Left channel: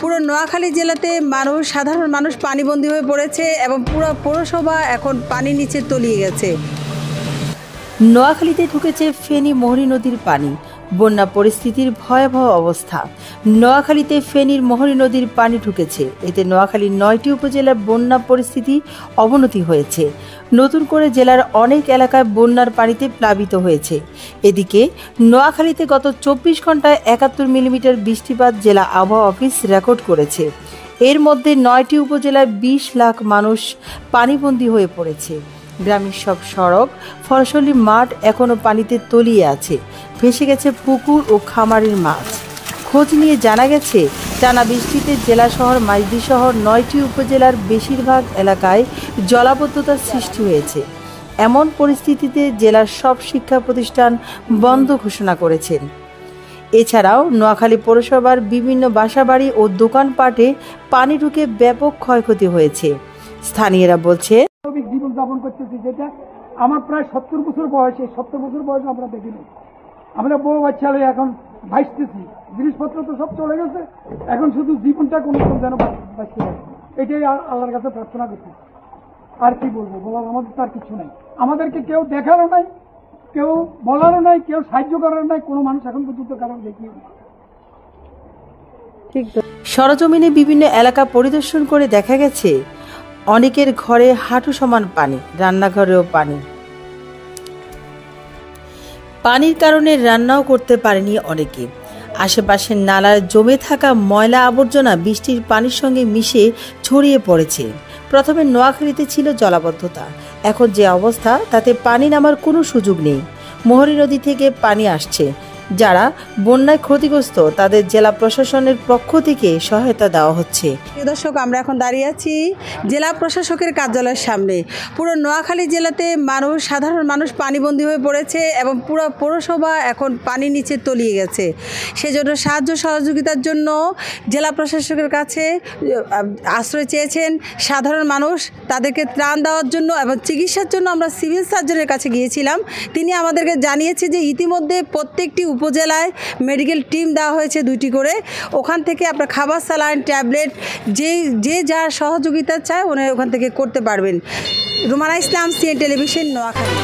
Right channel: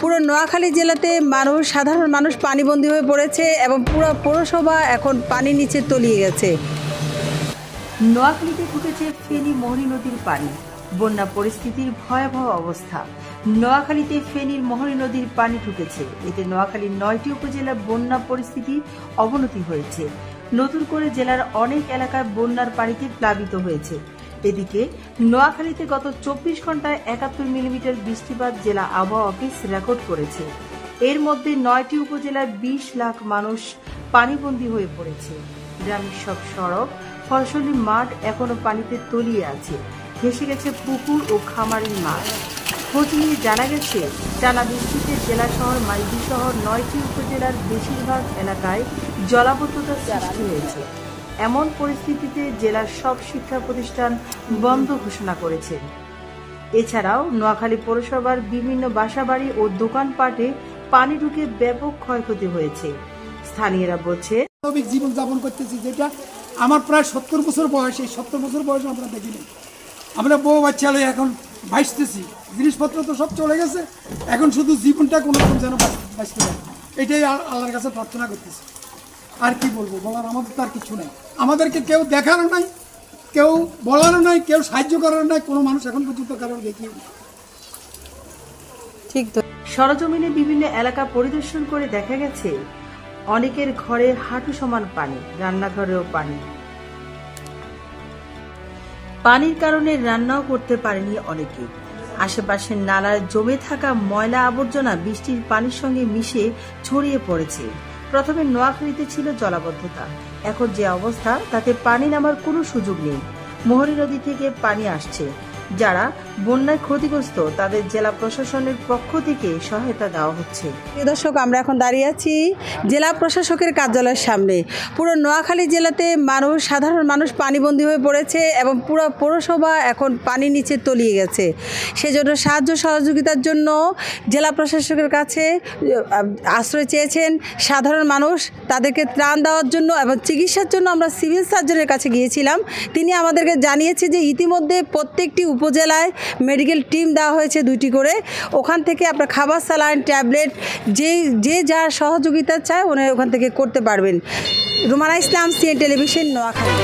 পুরো নোয়াখালী জেলাতে সাধারণ মানুষ পানিবন্দী হয়ে পড়েছে এবং পুরো পৌরসভা এখন পানির নিচে তলিয়ে গেছে। নোয়াখালীতে ঢুকেছে ফেনী মোহরী নদীর পানি, বন্যা পরিস্থিতির ভয়াবহ অবস্থা। নোয়াখালীতে ফেনীর মোহরী নদীর পানি ঢুকেছে, এতে নোয়াখালীর 9টি উপজেলার বন্যা পরিস্থিতি অবনতি হয়েছে। নতুন করে জেলার অনেক এলাকায় বন্যার পানিতে প্লাবিত হয়েছে। এদিকে নোয়াখালীতে গত 24 ঘন্টায় 71 মিলিমিটার বৃষ্টিপাত জেলা আবহাওয়া অফিস রেকর্ড করেছে। এর মধ্যে 9টি উপজেলায় 20 লাখ মানুষ পানিবন্দী হয়ে পড়েছে। গ্রামের সব সড়ক, ফসলি মাঠ এখনও পানিতে তলিয়ে আছে। ভেসে গেছে পুকুর ও খামারের মাছ। খোঁজ নিয়ে জানা গেছে, টানা বৃষ্টিতে জেলা শহর মাইজদি শহর 9টি উপজেলার বেশিরভাগ এলাকায় জলাবদ্ধতার সৃষ্টি হয়েছে। এমন পরিস্থিতিতে জেলার সব শিক্ষা প্রতিষ্ঠান বন্ধ ঘোষণা করেছেন। এছাড়াও নোয়াখালী পৌরসভার বিভিন্ন বাসাবাড়ি ও দোকানপাটে পানি ঢুকে ব্যাপক ক্ষয়ক্ষতি হয়েছে। স্থানীয়রা বলছে, স্বাভাবিক জীবন যাপন করতেছি, যেটা আমার প্রায় 70 বছর বয়স। এই 70 বছর বয়স আমরা দেখিনি। আমরা বউ বাচ্চা লই এখন ভাসতেছি, জিনিসপত্র তো সব চলে গেছে, এখন শুধু জীবনটা কোনো রকম যেন বাঁচতে পারে, এটাই আল্লাহর কাছে প্রার্থনা করতেছি। আর কি বলবো, বলার আমাদের তো আর কিছু নেই। আমাদেরকে কেউ দেখারও নাই, কেউ বলারও নাই, কেউ সাহায্য করারও নাই, কোনো মানুষ এখন পর্যন্ত কারোর দেখিয়ে। ঠিক তো, সরজমিনে বিভিন্ন এলাকা পরিদর্শন করে দেখা গেছে অনেকের ঘরে হাঁটু সমান পানি, রান্নাঘরেও পানি। পানির কারণে রান্নাও করতে পারেনি অনেকে। আশেপাশের নালার জমে থাকা ময়লা আবর্জনা বৃষ্টির পানির সঙ্গে মিশে ছড়িয়ে পড়েছে। প্রথমে নোয়াখালীতে ছিল জলাবদ্ধতা, এখন যে অবস্থা তাতে পানি নামার কোনো সুযোগ নেই। মোহরী নদী থেকে পানি আসছে। যারা বন্যায় ক্ষতিগ্রস্ত তাদের জেলা প্রশাসনের পক্ষ থেকে সহায়তা দেওয়া হচ্ছে। দর্শক, আমরা এখন দাঁড়িয়ে আছি জেলা প্রশাসকের কার্যালয়ের সামনে। পুরো নোয়াখালী জেলাতে সাধারণ মানুষ পানিবন্দী হয়ে পড়েছে এবং পুরো পৌরসভা এখন পানির নিচে তলিয়ে গেছে। সেজন্য সাহায্য সহযোগিতার জন্য জেলা প্রশাসকের কাছে আশ্রয় চেয়েছেন সাধারণ মানুষ। তাদেরকে ত্রাণ দেওয়ার জন্য এবং চিকিৎসার জন্য আমরা সিভিল সার্জনের কাছে গিয়েছিলাম। তিনি আমাদেরকে জানিয়েছে যে ইতিমধ্যে প্রত্যেকটি উপজেলায় মেডিকেল টিম দেওয়া হয়েছে 2টি করে। ওখান থেকে আপনার খাবার, স্যালাইন, ট্যাবলেট যে যার সহযোগিতা চায় ওখান থেকে করতে পারবেন। রুমানা ইসলাম, সিএন টেলিভিশন, নোয়াখালী।